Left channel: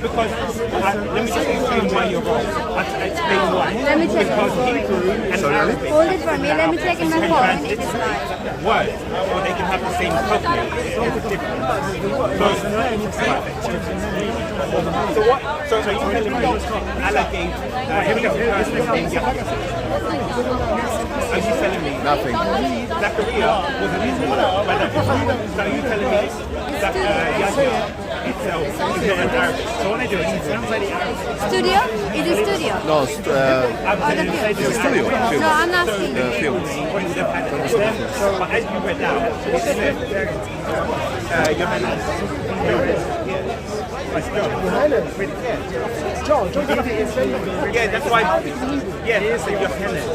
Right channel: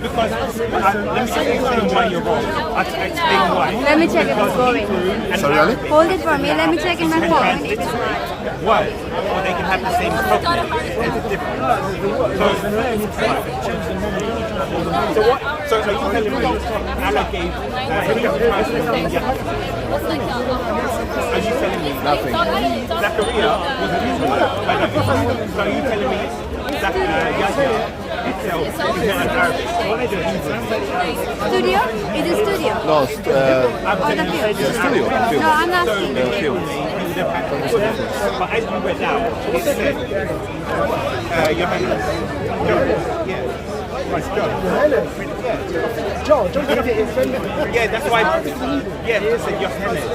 Because let me just explain why you're wrong. I'll explain why. Let me check if it's going. And Arabic, Hold it for me. Let me check in my can phone. transliterate words, or they can have the same cognate. It's different. So what? So are you telling me Allah gave Hebrew person the name Yahya? Are you telling me Nothing. Zachariah was an Israelite? By the Prophet. So are you telling me that Yahya itself is not an Arabic? So what are they doing? Studio? Is it studio? No, I'm telling you, studio. Film. No, I'm not So studio. the Film. name would have had equivalent. But as you read out, it said Johannes. John. Yeah. It's John. Yeah. John. Yeah, that's why. Yeah, that's a Johannes.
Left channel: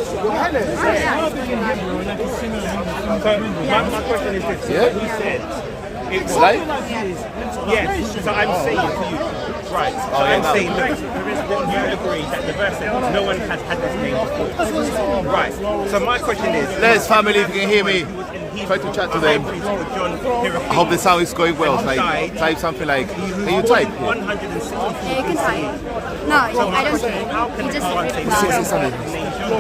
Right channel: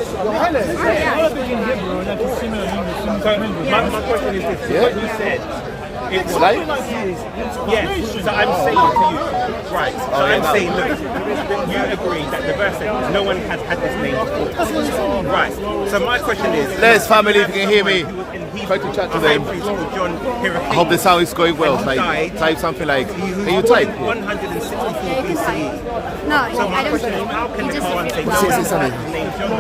So my question is this: Yeah? what you said, it was Like? yes. So I'm saying to you, right? So Oh, yeah, I'm no. saying, look, you agree that the verse said no one has had this name before, right? So my question is, Les, family, if you can hear me, He was in Hebrew, try to chat to a them. high priest called John Hyrcanus. I hope the sound is going well. And he Like, died. type something like, He was can you born type? in Yeah. 164 Yeah, you can type. No, So I my don't question is, how can the Quran say no Say one something. has the name John?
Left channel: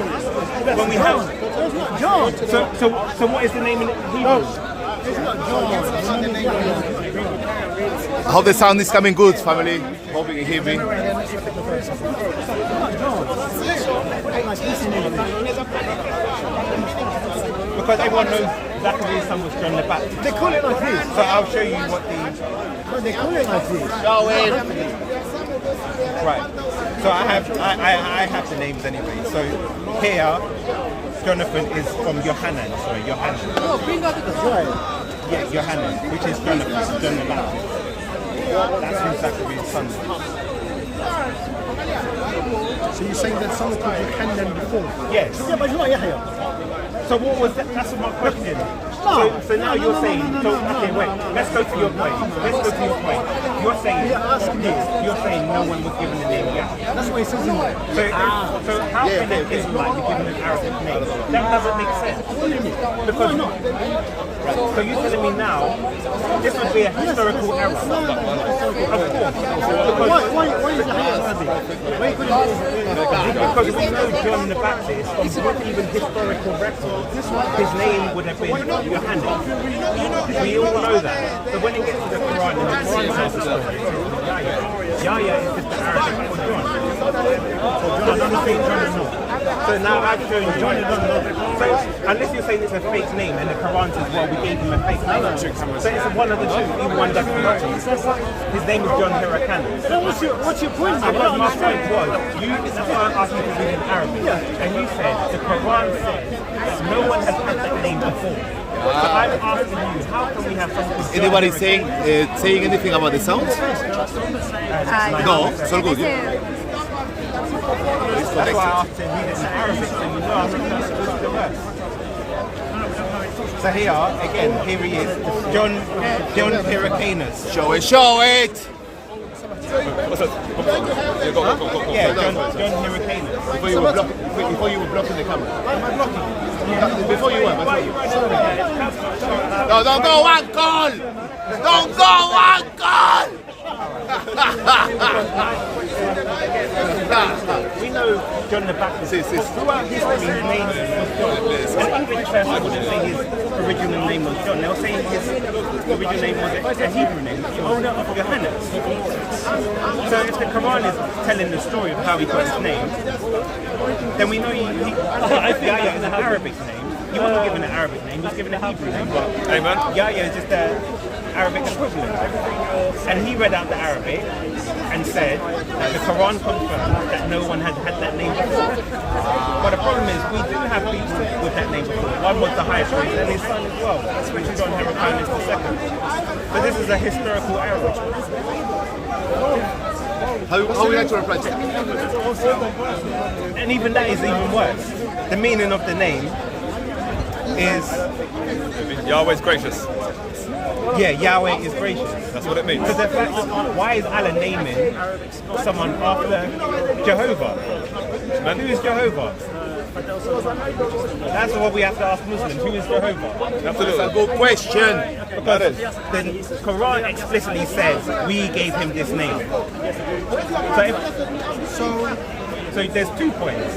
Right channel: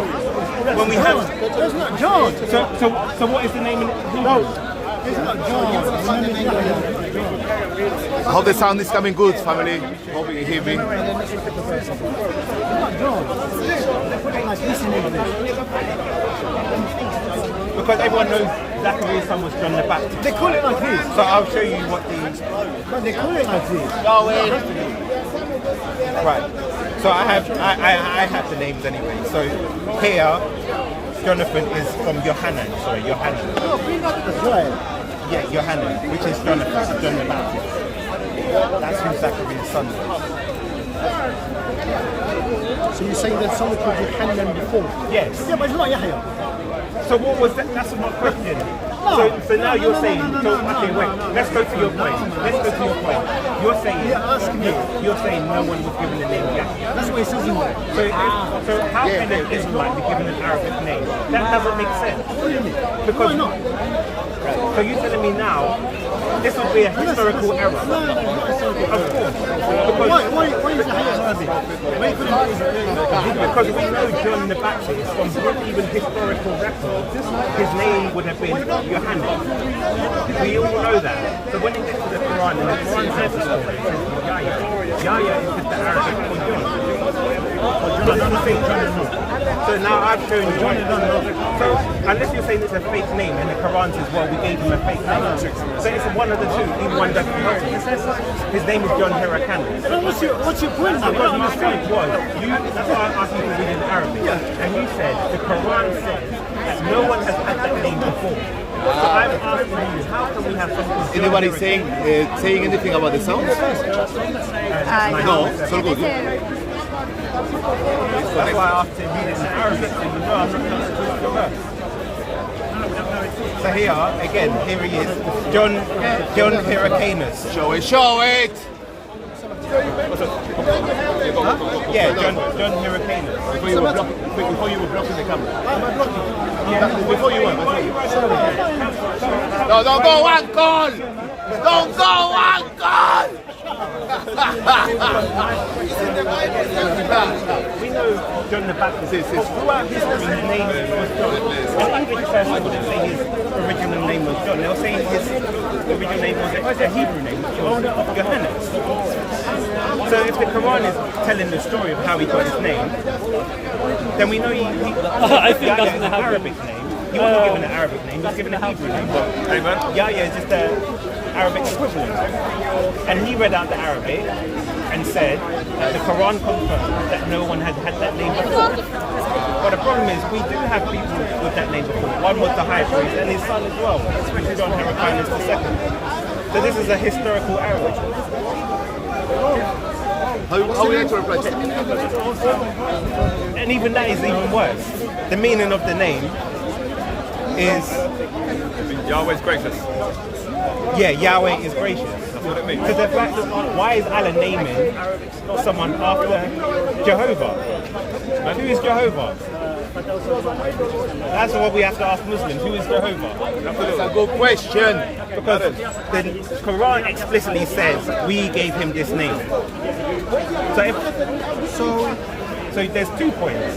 When we have It's not John. so what is the name in Hebrew? It's not John. I hope the sound is coming good, family. Hope you hear me. It's not John. Put it like this in English. Because everyone knows Zachariah's son was John the Baptist. They call it like this. So I'll show you what the But they call it like this. right. So I have the names anyway. So here, Jonathan is from Yohanan. Sorry, Yohanan. That's right. Yeah, Yohanan, which is Jonathan, John the Baptist. That's who Zachariah's son is. So you're saying that someone called Yohanan before? Yes. Yeah, but it's not Yahya. So what was that? That's my question. So now you're saying, okay, wait, let's go to your point. Let's go to your point. You're saying, You're asking me. you're saying no one was given the name Yahya. That's what it says in there. So how can an Israelite be given an Arabic name? That doesn't make sense. What do you mean? Because Why not? So you're telling me now this would be a historical error? No, it's not historical Of error. course. Because Why is Yahya Arabic? Why you couldn't be Israeli? Because we know John the Baptist, from even historical records, his name would have been Yohanan. We all know that. So when it gets to the Quran, and the Quran tells the story, it says Yahya. Yahya is just the Arabic for John. Well, John, I don't know if John or not. So now I've shown you. John, I don't know. So unless you're saying it's a fake name, and the Quran says, well, we gave him a fake name. So it's one of the two. Even one doesn't help you. His name is John Hyrcanus. But what's your point now? I Because don't my understand. point was, that's why I asked you to read in Arabic. And you said the Quran says that no one has had that name before. So I'm asking you, how can we have something called John Anybody Hyrcanus? saying anything about the sound? No. so good. That's why I asked to read it in Arabic, so you know I'm not trying to twist the verse. So here, again, here he is, John Hyrcanus. Show it, show it! Yeah, John Hyrcanus. Before you were blocking the camera. Am I blocking? Yeah, before you were. No, don't go, uncle! Don't go, uncle! We know John the Baptist is. Throughout history, his name was John. An English person wouldn't say his original name was John. They'll say his original name was a Hebrew name, which was Johannes. So if the Quran is telling the story of how he got his name, then we know Yahya is an Arabic name. He wasn't given an Arabic name, he was given a Hebrew name. But Yahya is just the Arabic equivalent. And he read out the Arabic and said that the Quran confirmed that no one had had that name before. But the problem is, we do have people with that name before. One was the high priest and his son as well, which is John Hyrcanus II. So this is a historical error. How would you like to reply to that? And even that is even worse. The meaning of the name is Yahweh's gracious. yeah, Yahweh is gracious. That's what it means. Because the fact that why is Allah naming someone after Jehovah? Who is Jehovah? That's what we have to ask Muslims. Who is Jehovah? That's a good question. Because the Quran explicitly says we gave him this name. So there's 2 points.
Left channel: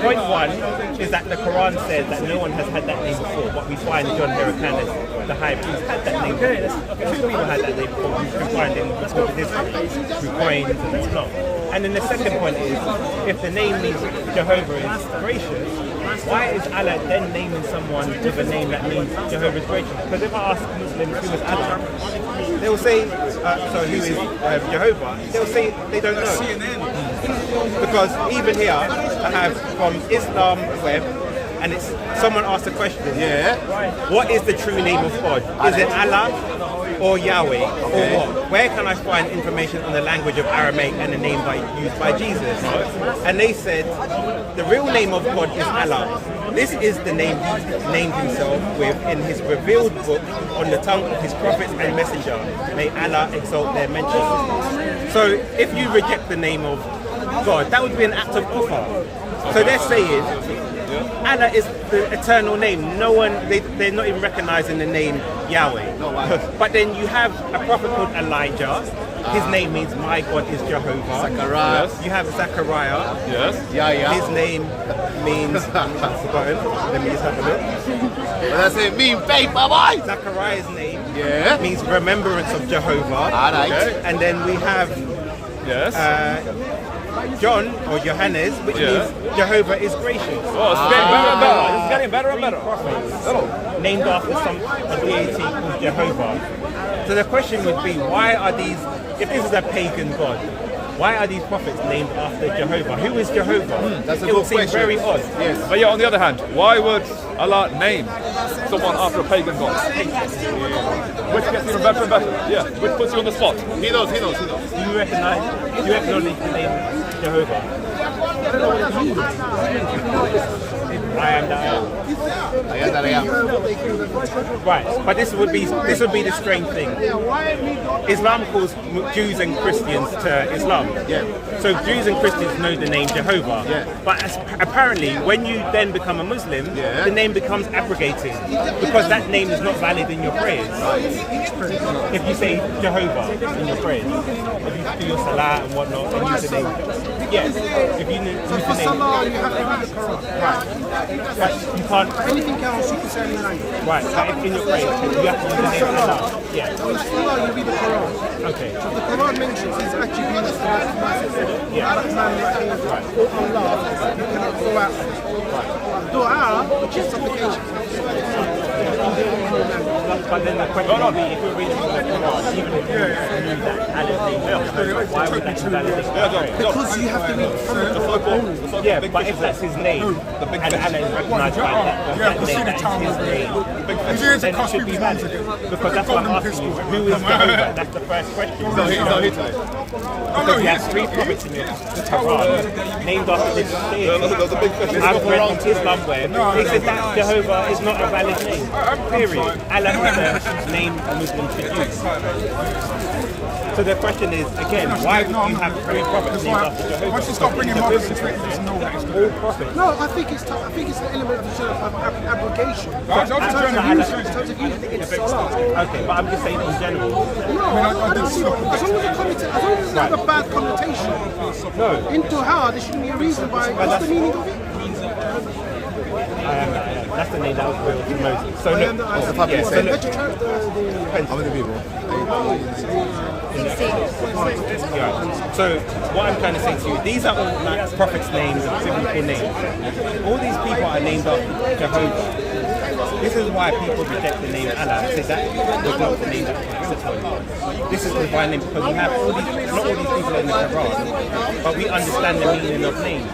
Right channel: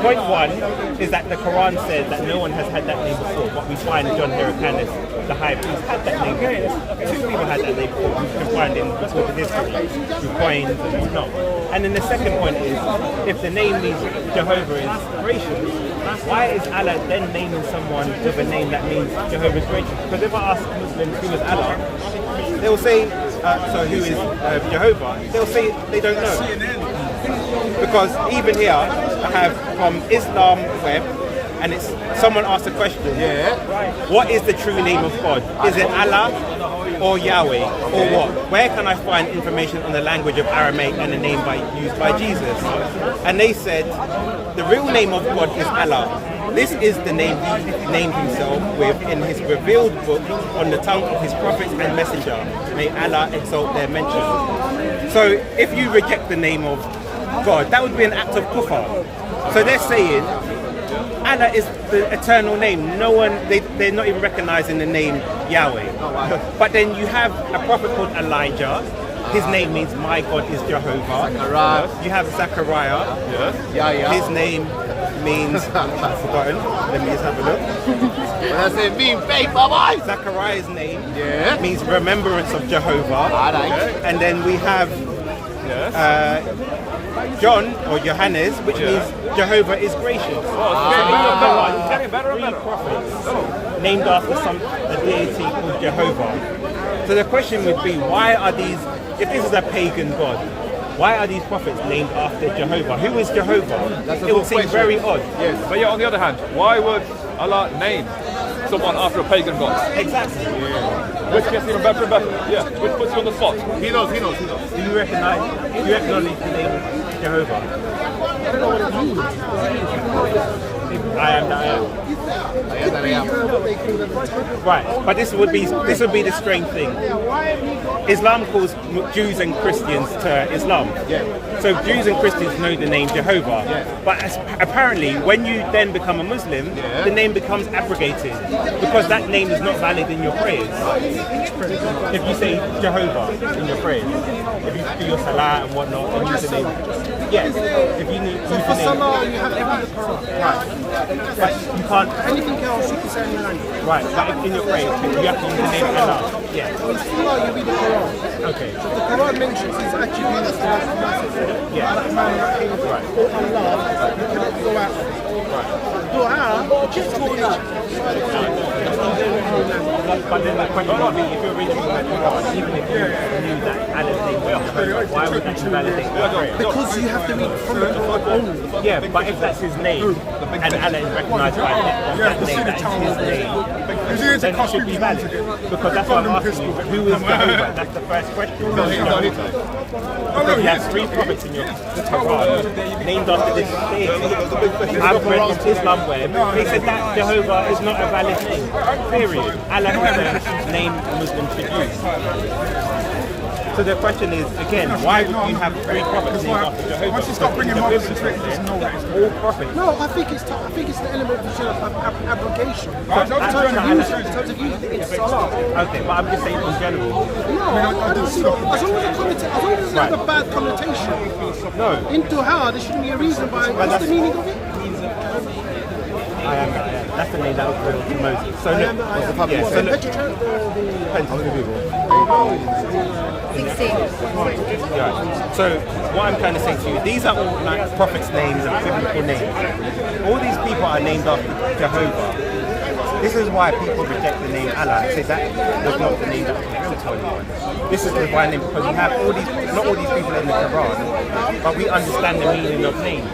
Point one is that the Quran says that no one has had that name before, but we find John Hyrcanus, the high priest, had that name before. 2 people had that name before. We can find in recorded history through coins and whatnot. And then the second point is, if the name means Jehovah is gracious, why is Allah then naming someone with a name that means Jehovah is gracious? Because if I ask Muslims who is Allah, they will say, so who is Jehovah? They'll say they don't know. Because even here, I have from Islam web, and it's someone asked a question. Yeah. What is the true name of God? Is it Allah or Yahweh or what? Where can I find information on the language of Aramaic and the name used by Jesus? And they said the real name of God is Allah. This is the name he named himself with in his revealed book on the tongue of his prophets and messenger. May Allah exalt their mention. So if you reject the name of God, that would be an act of kufr. So they're saying Allah is the eternal name. No one, they're not even recognizing the name Yahweh. But then you have a prophet called Elijah. His name means my God is Jehovah. Zachariah. You have Zachariah. Yes. Yeah. His name means, I've forgotten. Let me just have a look. That's it. Mean faith, bye. Zachariah's name Yeah. means remembrance of Jehovah. And then we have John or Johannes, which means Jehovah is gracious. It's getting better and Three better. prophets named after a deity called Jehovah. So the question would be, why are these, if this is a pagan god, why are these prophets named after Jehovah? Who is Jehovah? It would seem very odd. Yes. But yet, on the other hand, why would Allah name someone after a pagan god? Exactly. Which gets even better and better. Yeah, which puts you on the spot. He knows. Do you acknowledge the name Jehovah? I don't know what it means. I am that I am. Right, but this would be the strange thing. Islam calls Jews and Christians to Islam. Yeah. So Jews and Christians know the name Jehovah. Yeah. But apparently, when you then become a Muslim, the name becomes abrogated because that name is not valid in your prayers. If you say Jehovah in your prayers, if you do your salah and whatnot and use the name, yes. If you use the For name, Salah, you have to read the Quran. right. But you can't. Anything else, you can say any language. Right, but in your prayers, you have to use the name Allah. Yeah. So in Salah, you read the Quran. Okay. So the Quran mentions his attributes like Yeah. Ar-Rahman, Rahim, Right. or Allah, you cannot go out. Right. Dua, which is supplication. But then the question would be, if you're reading from the Quran, even if you knew that Allah's name was Jehovah, why would that invalidate the prayer? Because you have to read from the Quran only. Yeah, but if that's his name, and Allah is recognized by that name, that is his name, then it should be valid. Because that's what I'm asking you. Who is Jehovah? That's the first question. Who is Jehovah? Because you have 3 prophets in your Quran named after this deity. I've read from Islam web, they said that Jehovah is not a valid name. Period. Allah is the name Muslims should use. So the question is, again, why would you have 3 prophets named after Jehovah? Because in the biblical sense, all prophets. No, I think it's the element of abrogation. So In terms of using it in Salah. Okay, but I'm just saying in general. No, I don't see that. As long as it's not a bad connotation. No, In Dua, there shouldn't be a reason why. What's the meaning of it? I am that I am. That's the name that was revealed to Moses. So I am look, that I am. yeah, so look, How many people? 16. yeah. So what I'm trying to say to you, these are all like prophets' names and biblical names. All these people are named after Jehovah. This is why people reject the name Allah. They say that was not the name that was revealed to anyone. This is the why name, because you have all these, not all these people in the Quran, but we understand the meaning of names.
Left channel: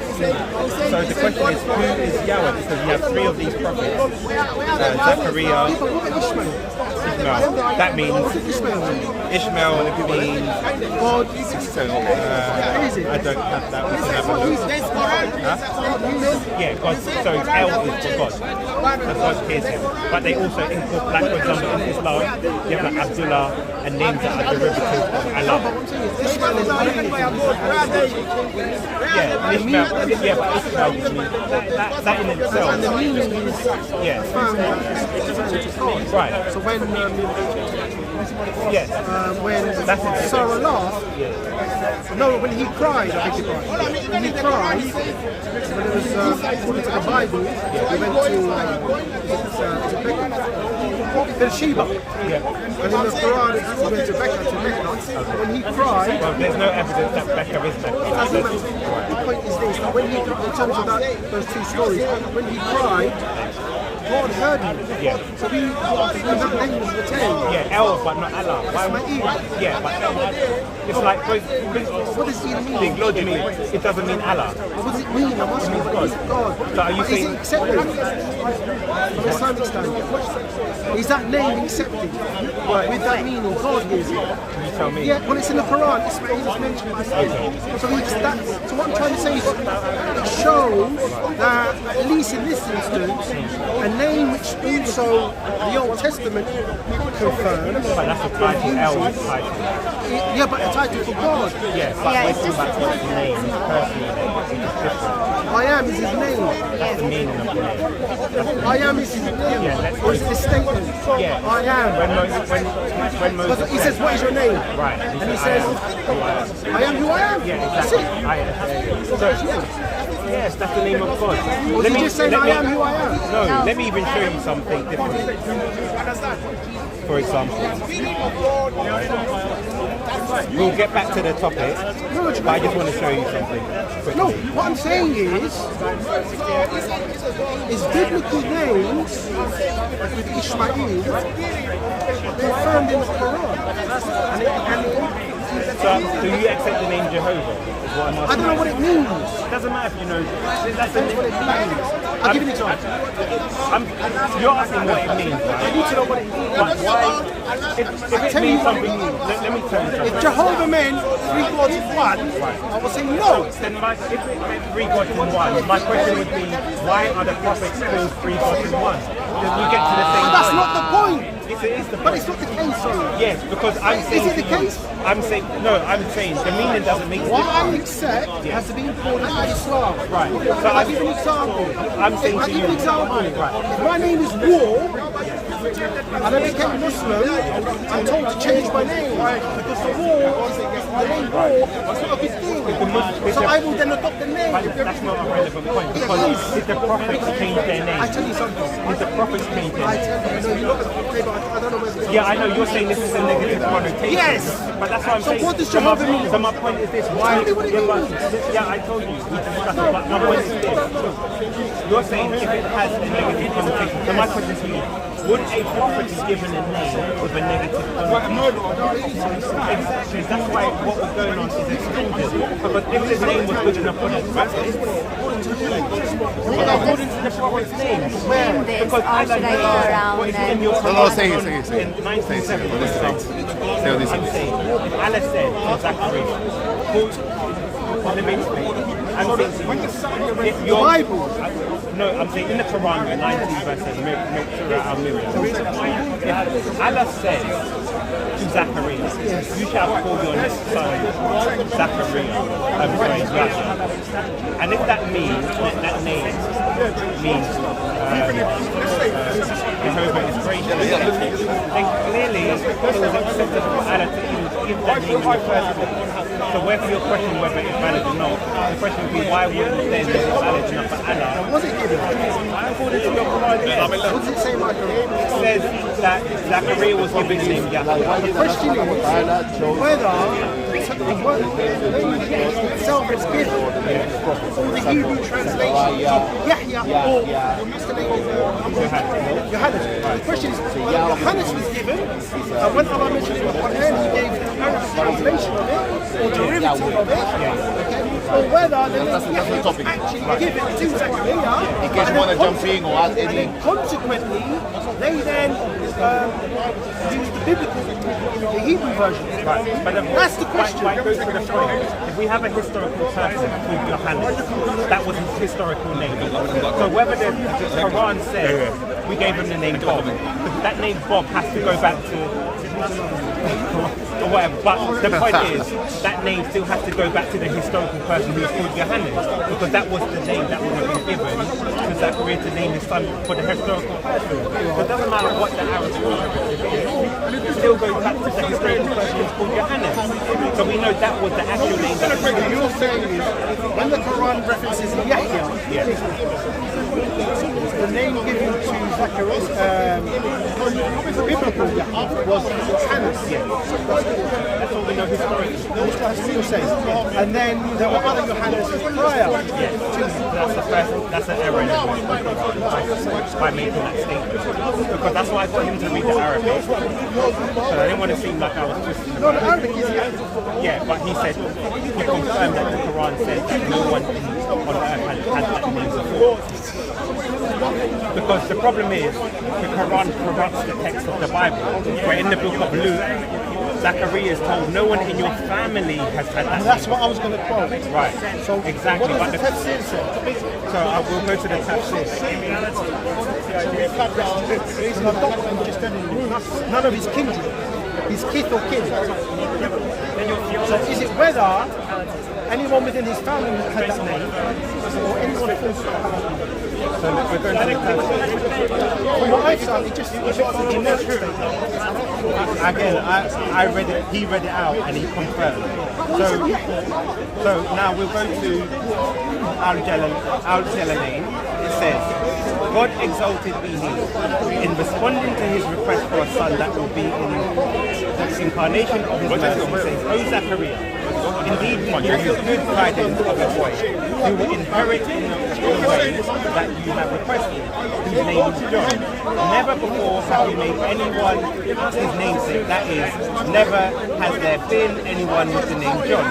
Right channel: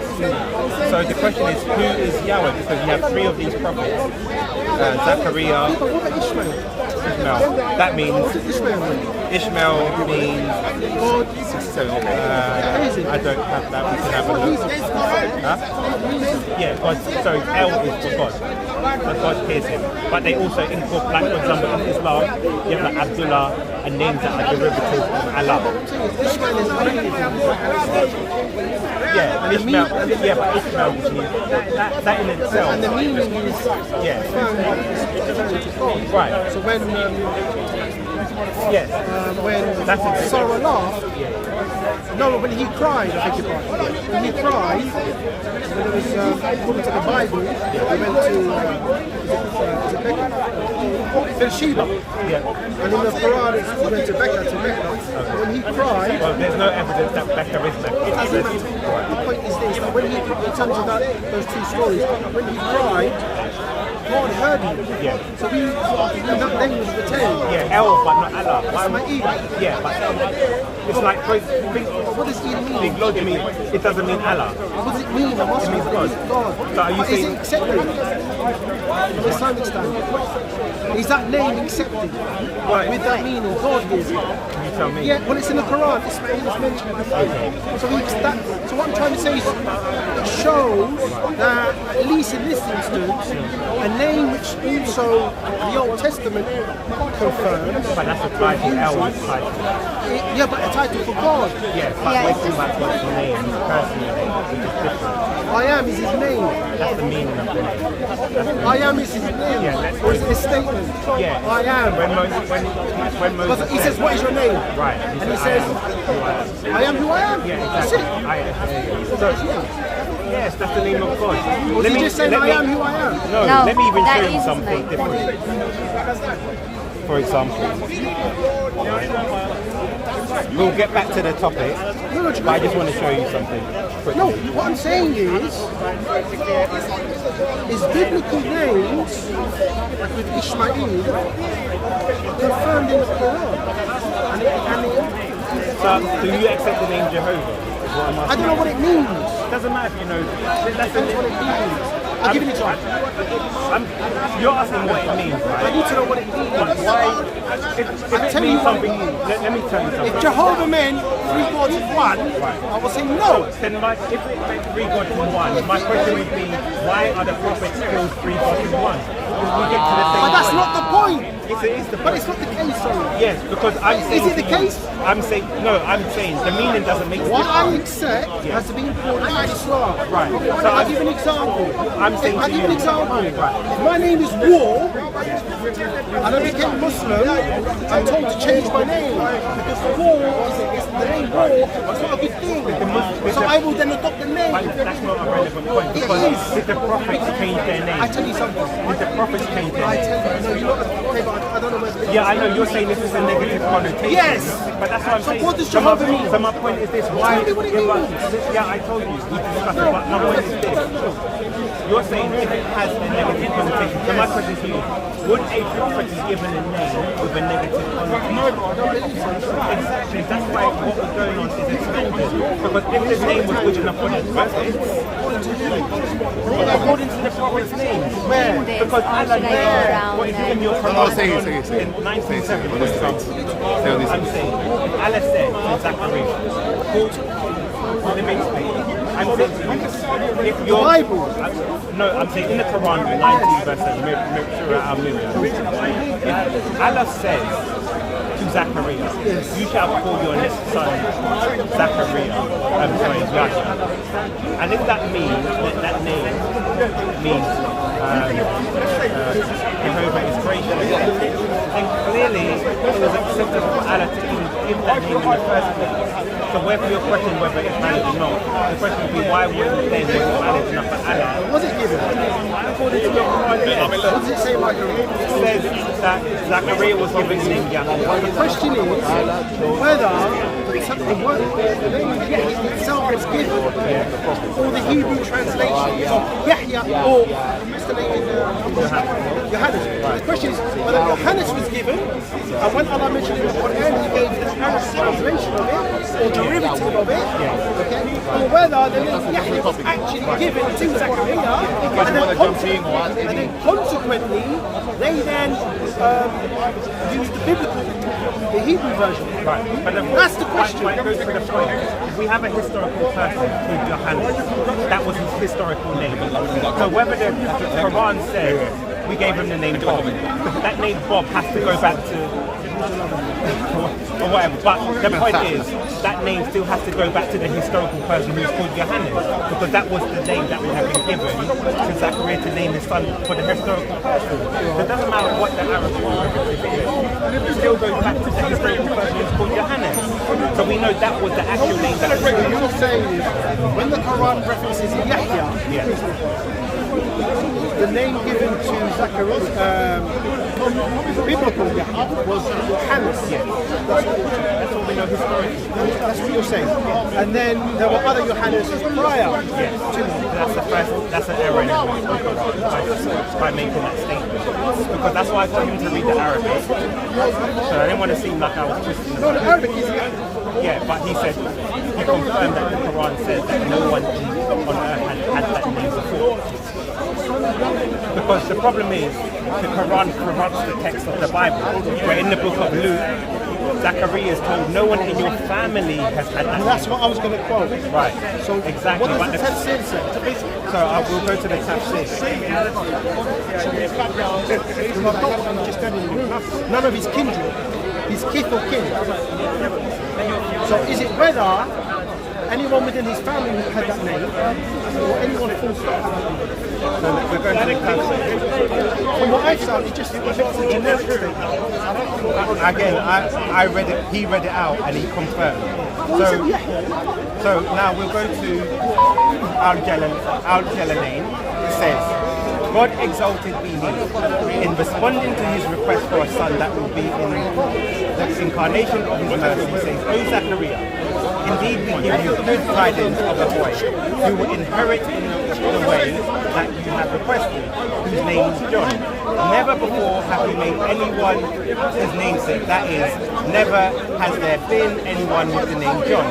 So the question is, who is Yahweh? Because you have 3 of these prophets, Zachariah, But what about Ishmael? Ishmael. That means What does Ishmael mean? Ishmael means. God. I don't have that. We can have a look. Huh? Yeah, God. So El is for God. that God pierced him. But they also incorporate, like for example, in Islam, you have like Abdullah and names that are derivatives of Allah. This man is native. Yeah, Ishmael. Yeah, but Ishmael just means that in itself. And the meaning is Yeah. God. Right. So when Yes. That's it. Sarah laughed, no, when he cried, I think it was. When he cried, when it was according to the Bible, he went to Sheba. Yeah. And in the Quran, he went to Mecca. When he cried, Well, there's no evidence that Becca is Becca. it doesn't matter. The point is this: that when he, in terms of those two stories, when he cried, God heard him. Yeah. So he that name was retained. Yeah, El, but not Allah. Why would Ismail. Yeah, but it's like, What does it mean? it doesn't mean Allah. What does it mean? I'm asking. It means What is God. God? So are you But saying- is it accepted from Islamic standpoint? Is that name accepted? Well, With that meaning, God is it? you tell me. Yeah, well, it's in the Quran. Ismail is mentioned by name. Okay. So what I'm trying to say is, it shows that at least in this instance, a name which also the Old Testament confirms. But that's a title, El is title. Yeah, but a title for God. Yeah, but Yeah, we're it's talking just- about God's name, personal name, which is different. I am is his name. That's the meaning of the name. That's the I am is his name. Yeah, let's or is go. it a statement? Yeah. I am. When Moses But he says, what is your name? right, And he I says, am who I am. I am who I am. Yeah, That's exactly. it. I am. So, yes, that's the name of God. Or is he just saying, I am who I am? No, No, let me even that show is you something the name. different. For example, right? We'll get back to the topic, but I just want to show you something quickly. No, what I'm saying is biblical names, like with Ishmael, are confirmed in the Quran. So, do you accept the name Jehovah? Is what I'm I asking. don't know what it means. Doesn't matter if you know. That's the Depends what it means. I'll give you an example. You're asking what it means, I right? need to know what it means. But why? If I'll it tell you means what it something, means. let me tell you something. If Jehovah meant 3 gods in one, Right. I will say no. Then if it meant 3 gods in one, my question would be, why are the prophets called 3 gods in one? Because we get to the same But that's point. not the point. If it is the But point. it's not the case, sorry. Yes, because I'm saying. it the to you- case? I'm saying I'm saying the meaning doesn't make a What I difference. accept has to be important by Islam. Right. Okay, So I'll give an example. I'm saying I'll to give you- an example. Right. If my name is War, and I became Muslim, I'm told to change my name. Because War, the name War, it's not a good thing. So I will then adopt the name. But that's not a relevant point because did the prophets change their name? I tell you something. Did the prophets change their I name? tell you, no, you're not okay, but I don't know whether. Yeah, I know you're saying this is a negative connotation. Yes. But that's what I'm So saying. what does so, my, Jehovah mean? so my point is this: why? Tell me what it yeah, but means. yeah, I told you. We discussed it. But my point is this: you're saying if it has a negative connotation. So my question to you: would a prophet be given a name with a negative connotation? Exactly. That's why what was going on is a tangent. Because if the name was good enough for the prophet, according to the prophet's name, where? Because Allah Should I go around what is then? in your Oh, Quran say it, say it. in 19:7, for example. I'm saying, if Allah said to Zachariah, let me explain. I'm saying to you, if your Bible? No, I'm saying in the Quran, 19 verse 7, Surah Al-Miriam. If Allah says to Zachariah, you shall call your son Zachariah, Yahya. And if that means, that name means Jehovah is gracious, then clearly it was acceptable for Allah to even give that name in the first place. So whether your question whether it's valid or not, the question would be why wouldn't then was it valid enough for Allah? Was it given? According to your Quran, yes. What does it say like It says that Zachariah was given the name Yahya. The question is whether the word itself was given, or the Hebrew translation of Yahya, or what's the name of Yohannes. The question is whether Yohannes was given, and when Allah mentioned in the Quran, he gave the Arabic translation. translation of it or derivative of it, okay, or whether the name Yahya was actually given to Zachariah, and then consequently, they then used the biblical, the Hebrew version. Right, but that's the question. Why it goes to the point. If we have a historical person called Johannes, that was his historical name. So whether the Quran says we gave him the name Bob, that name Bob has to go back to or whatever. But the point is, that name still has to go back to the historical person who's called Johannes, because that was the name that would have been given to Zachariah to name his son for the historical person. So it doesn't matter what the Arabic derivative is, it still goes back to the historical person who's called Johannes. So we know that was the actual name that was given. You're saying is, when the Quran references Yahya, the name given to Zachariah, the biblical Yahya, was Johannes. That's all we know historically. That's what you're saying. And then there were other Johannes prior. That's an error in the Quran by making that statement. Because that's why I got him to read the Arabic. So I didn't want to seem like I was twisting the Arabic is yeah, but he said, he confirmed that the Quran says that no one on earth had that name before. Because the problem is, the Quran corrupts the text of the Bible. Where in the book of Luke, Zachariah is told no one in your family has had that. That's what I was going to quote. Right. So exactly. What does the tafsir say? So I will go to the tafsir. Because I've got what you just said in Luke. None of his kindred, his kith or kin. So is it whether anyone within his family had that name, or anyone full stop had that name? So we're going to the tafsir. From what I've found, it's a generic statement. Again, I read it. He read it out and he confirmed. So now we'll go to Al-Jalalain. It says, God exalted be He, in responding to his request for a son that will be in the incarnation of his mercy, saying, O Zachariah, indeed we give you good tidings of a boy who will inherit in the way that you have requested, whose name is John. Never before have we made anyone his namesake, that is, never has there been anyone with the name John.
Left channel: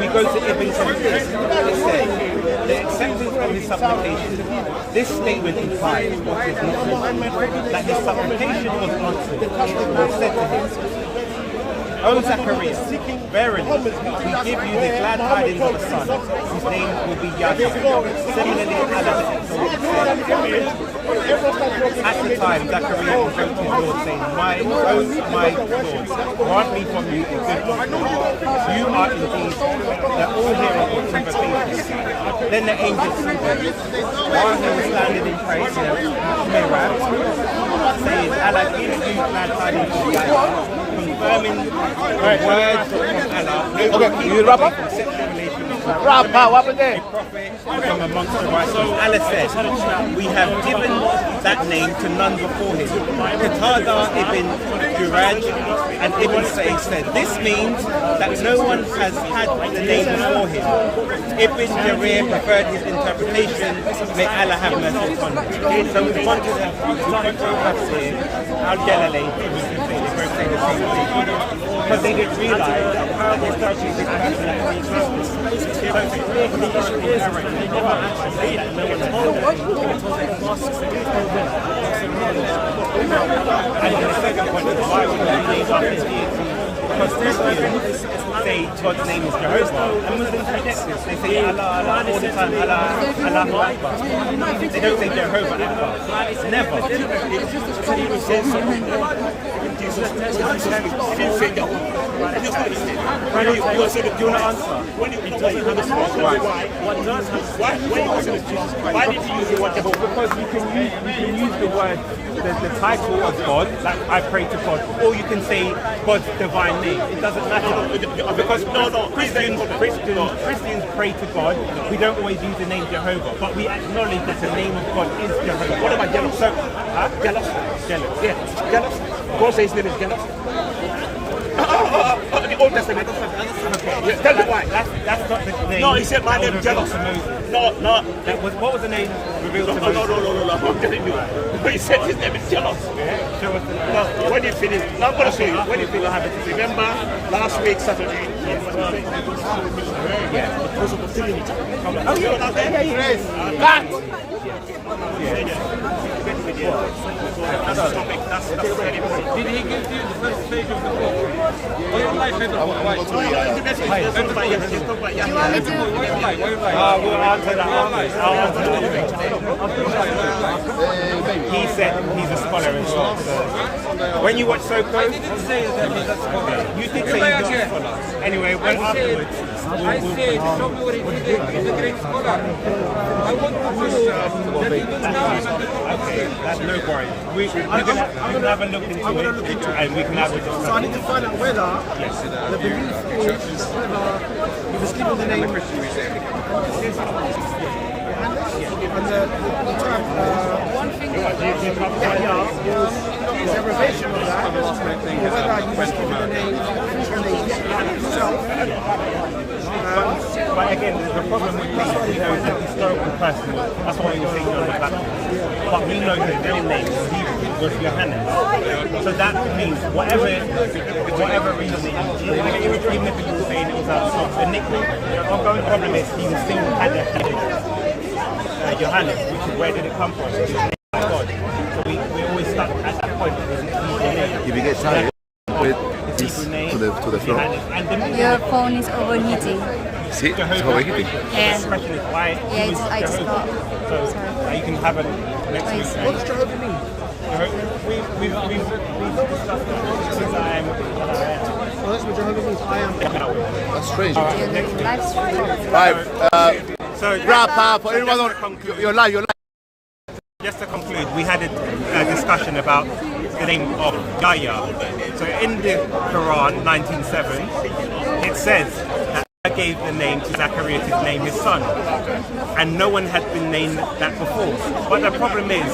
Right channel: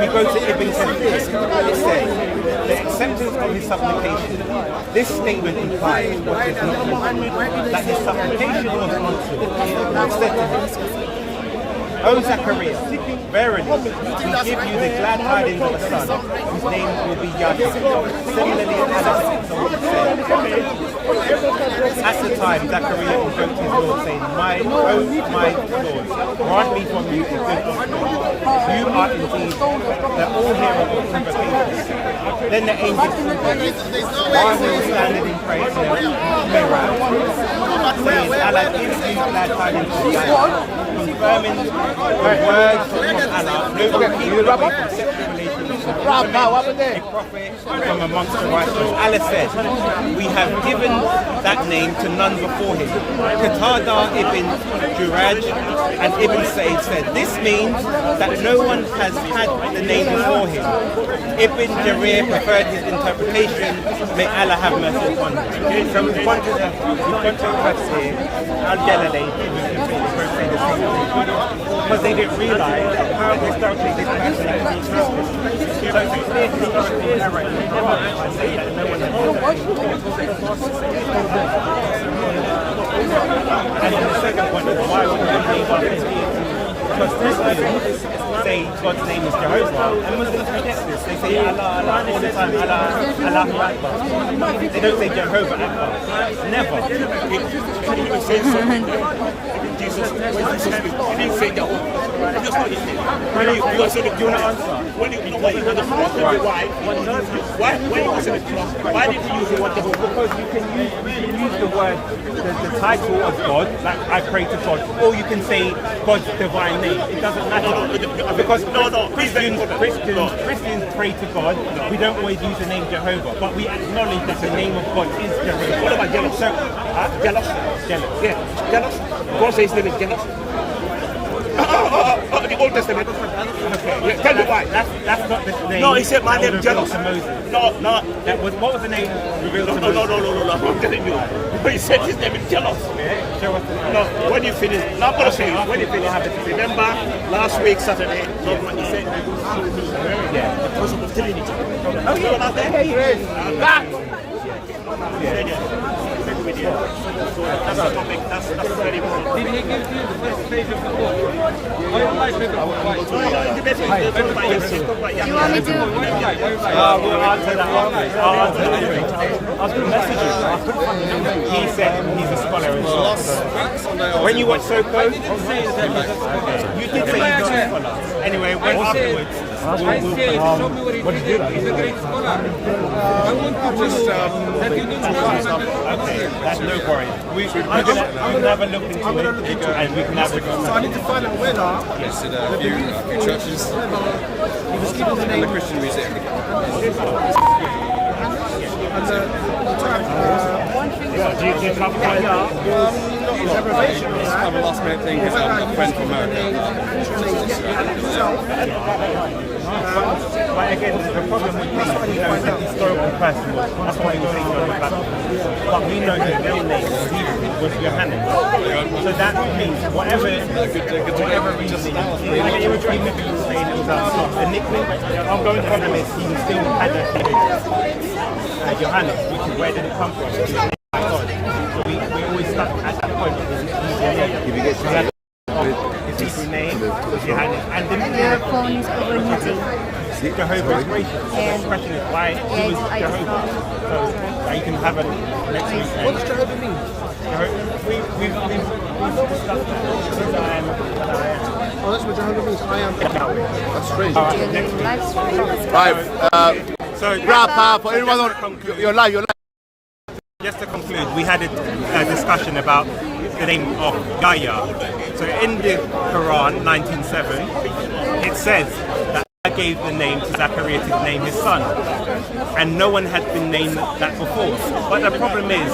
We go to Ibn Tafsir. It says, the acceptance of his supplication. This statement implies what is not written, that his supplication was answered. It was said to him, O Zachariah, verily, we give you the glad tidings of a son, whose name will be Yahya. Similarly, Allah exalted said, at the time, Zachariah invoked his Lord, saying, my Lord, grant me from you a good offspring. You are indeed the all-hearer of invocations. Then the angel said, while he was standing in praise in the mirror, saying, Allah gives you glad tidings of Yahya, confirming the words from Allah, no one keeping away from sexual relations with women, a prophet from amongst the righteous. Allah said, we have given that name to none before him. Qatada ibn Juraj and Ibn Sa'id said, this means that no one has had the name before him. Ibn Jarir preferred his interpretation, may Allah have mercy upon him. So we've gone to the tafsir, Al-Jalalain, they both say the same thing. Because they didn't realise that historically this person actually existed. So it's a clear historical error in the Quran by saying that no one has And then the second point is, why would you name after deity? Because Christians say God's name is Jehovah, and Muslims reject this. They say Allah, Allah all the time, Allah, Allahu Akbar. They don't say Jehovah Akbar. Never. Jesus, he didn't say Jehovah. Do you want to answer? Why did you use the word Jehovah? Because you can use the word, the title of God, like I pray to God, or you can say God's divine name. It doesn't matter. Because Christians pray to God. We don't always use the name Jehovah, but we acknowledge that the name of God is Jehovah. What about jealous? Jealous? Jealous. Yeah. Jealous? God says his name is jealous. not in the Old Testament. Okay. Tell me why. That's not the name. No, he said my that name was revealed jealous. to Moses. No. That was, what was the name revealed No, to no, Moses? no, I'm telling you. He said his name is jealous. Yeah, show us the name. No, when you finish, now I'm going to show you. When you finish, remember last week, Saturday, when he said Yeah. the person of Trinity. Oh, yeah. Not there? Yeah, he is. That's the topic. That's very important. Did he give you the first page of the book? Your life never Do you want me to? We'll answer that afterwards. I'll answer that afterwards. He said he's a scholar as well. So when you watch Soko, anyway, when afterwards, I said, show me what he did. He's a great scholar. I want to prove that he didn't know him at the top. okay, that's no worries. We can have a look into I'm gonna look into it. and we can have a So I discussion. need to find out whether the belief is whether he was given the name and the term Yahya was a revelation of that, or whether he was given the name Yahya himself. But again, the problem with me is he's a historical person. That's why we were saying on the Baptist. But we know his real name was Johannes. So that means whatever reason, even if he was saying it was a nickname, the ongoing problem is he still had a Johannes, which is where did it come from? He was named by God. So we always stuck at that point of his name. If you get time, His Hebrew name was Johannes. And Your phone is overheating. see, Jehovah. Yeah. The question is why Yeah, he was I just Jehovah. got. So Sorry. you can have it next week. What does Jehovah mean? We've discussed that. This is I am that I am. Oh, that's what Jehovah means. I am. that's strange. You're doing live stream. Right, So wrap up for everyone on your live. just to conclude, we had a discussion about the name of Yahya. So in the Quran 19:7, it says that Allah gave the name to Zachariah to name his son, and no one had been named that before. But the problem is,